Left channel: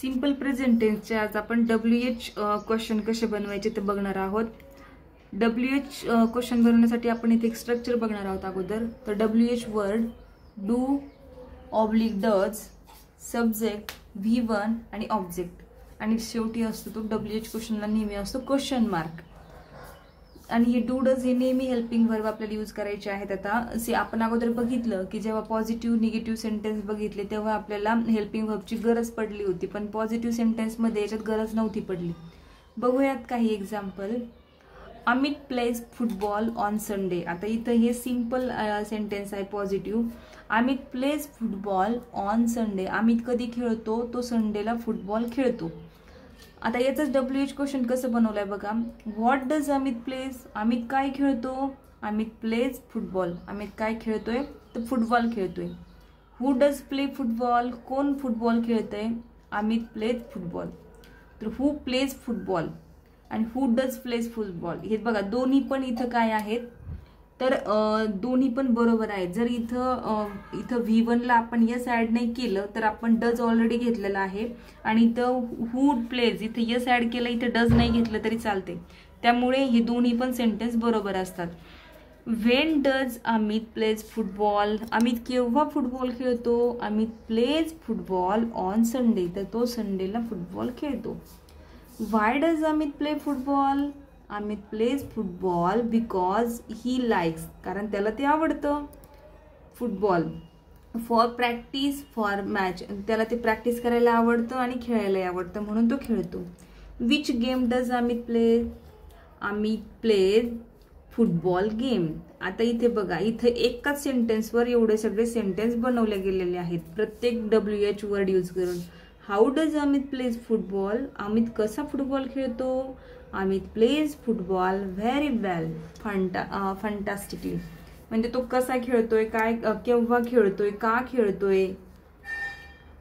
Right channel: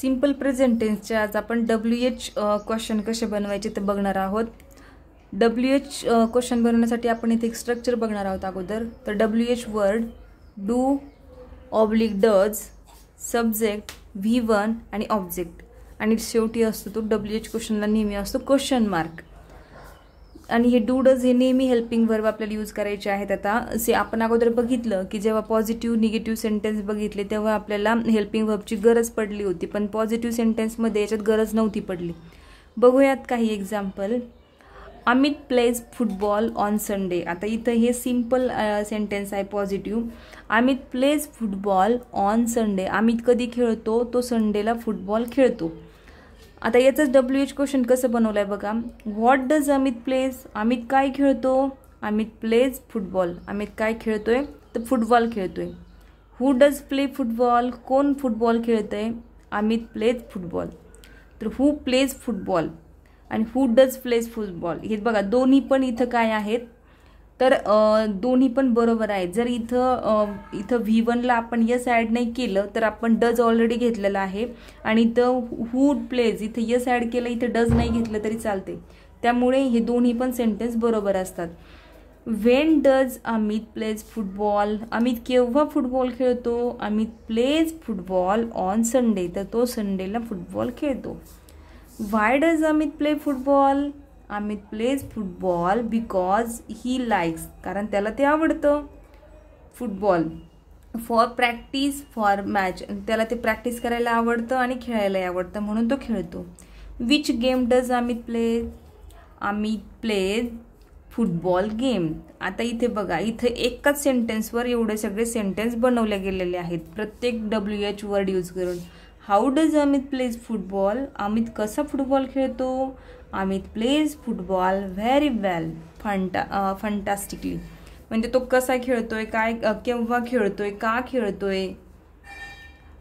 Simple present टेन्सचे आज आपण WH question कसे बनवायचे ते बघणार आहोत। WH क्वेश्चन बनवण्यासाठी आपण इथे एक स्ट्रक्चर बघणार आहोत अगोदर। तर WH word do oblique does subject V1 आणि ऑब्जेक्ट आणि शेवटी असतो तो WH क्वेश्चनला नेहमी असतो क्वेश्चन मार्क। आणि हे डू डज हे नेहमी हेल्पिंग वर्ब आपल्याला यूज करायचे आहेत। आता असे आपण अगोदर बघितलं की जेव्हा पॉझिटिव्ह निगेटिव्ह सेंटेन्स बघितले तेव्हा आपल्याला हेल्पिंग वर्बची गरज पडली होती, पण पॉझिटिव्ह सेंटेन्समध्ये याच्यात गरज नव्हती पडली। बघूयात काही example. Amit plays football on Sunday. आता इथं हे सिंपल सेंटेन्स आहे positive. Amit plays football on Sunday. Amit कधी खेळतो? तो संडेला फुटबॉल खेळतो। आता याचंच WH क्वेश्चन कसं बनवलंय बघा। What does Amit plays? Amit काय खेळतो? Amit plays football. अमित काय खेळतोय? तर फुटबॉल खेळतोय। Who does play football? कोण फुटबॉल खेळतंय? Amit plays football. तर हु प्लेज फुटबॉल आणि हु डज प्लेज फुटबॉल हे बघा दोन्ही पण इथं काय आहेत, तर दोन्ही पण बरोबर आहेत। जर इथं V1 ला आपण यस ऍड नाही केलं तर आपण डज ऑलरेडी घेतलेला आहे आणि इथं हु प्लेज इथं यस ऍड केलं, इथं डज नाही घेतलं तरी चालते। त्यामुळे हे दोन्ही पण सेंटेन्स बरोबर असतात। When does Amit plays football? Amit केव्हा फुटबॉल खेळतो? Amit plays football on Sunday. तर तो संडेला फुटबॉल खेळतो। Why does Amit play football? Amit plays football because he likes. कारण त्याला ते आवडतं football. For practice for match, त्याला ते प्रॅक्टिस करायला आवडतं आणि खेळायला आवडतं म्हणून तो खेळतो। Which game does Amit play? Amit plays football game. आता इथे बघा, इथे एकाच सेंटेन्सवर एवढे सगळे सेंटेन्स बनवले गेलेले आहेत प्रत्येक WH वर्ड यूज करून। How does Amit plays football? Amit कसा फुटबॉल खेळतो? Amit plays football very well fantastically. म्हणजे तो कसा खेळतोय, काय केव्हा खेळतोय, का खेळतोय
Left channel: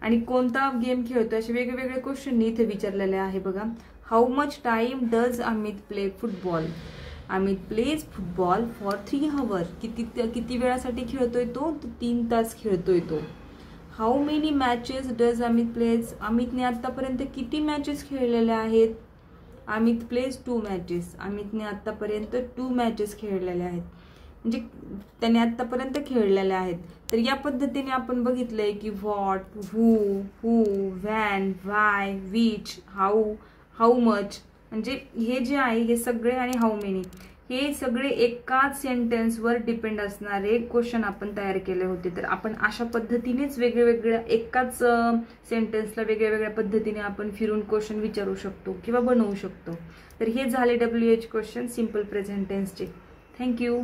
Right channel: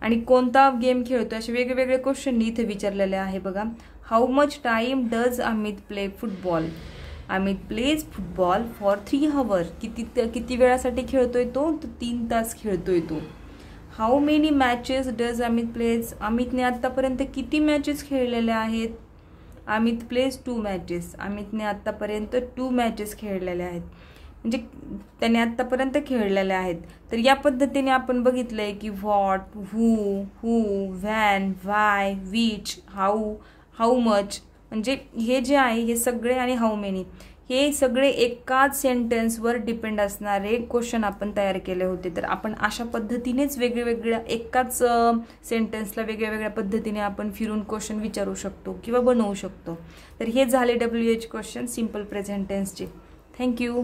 आणि कोणता गेम खेळतोय असे वेगवेगळे क्वेश्चन इथे विचारलेले आहे बघा। How much time does Amit play football? Amit plays football for 3 hours। किती वेळासाठी खेळतोय तो? 3 तास खेळतोय तो। How many matches does Amit plays? अमितने आतापर्यंत किती मॅचेस खेळलेल्या आहेत? Amit plays 2 matches। अमितने आतापर्यंत 2 matches खेळलेल्या आहेत, म्हणजे त्याने आतापर्यंत खेळलेल्या आहेत। तर या पद्धतीने आपण बघितलंय की what, who, when, why, which, how much, म्हणजे हे जे आहे हे सगळे आणि हाऊ मेनी हे सगळे एकाच सेंटेन्सवर डिपेंड असणारे क्वेश्चन आपण तयार केले होते। तर आपण अशा पद्धतीनेच वेगवेगळ्या एकाच सेंटेन्सला वेगवेगळ्या पद्धतीने आपण फिरून क्वेश्चन विचारू शकतो किंवा बनवू शकतो। तर हे झाले WH क्वेश्चन सिंपल प्रेझेंट टेन्सचे। थँक्यू।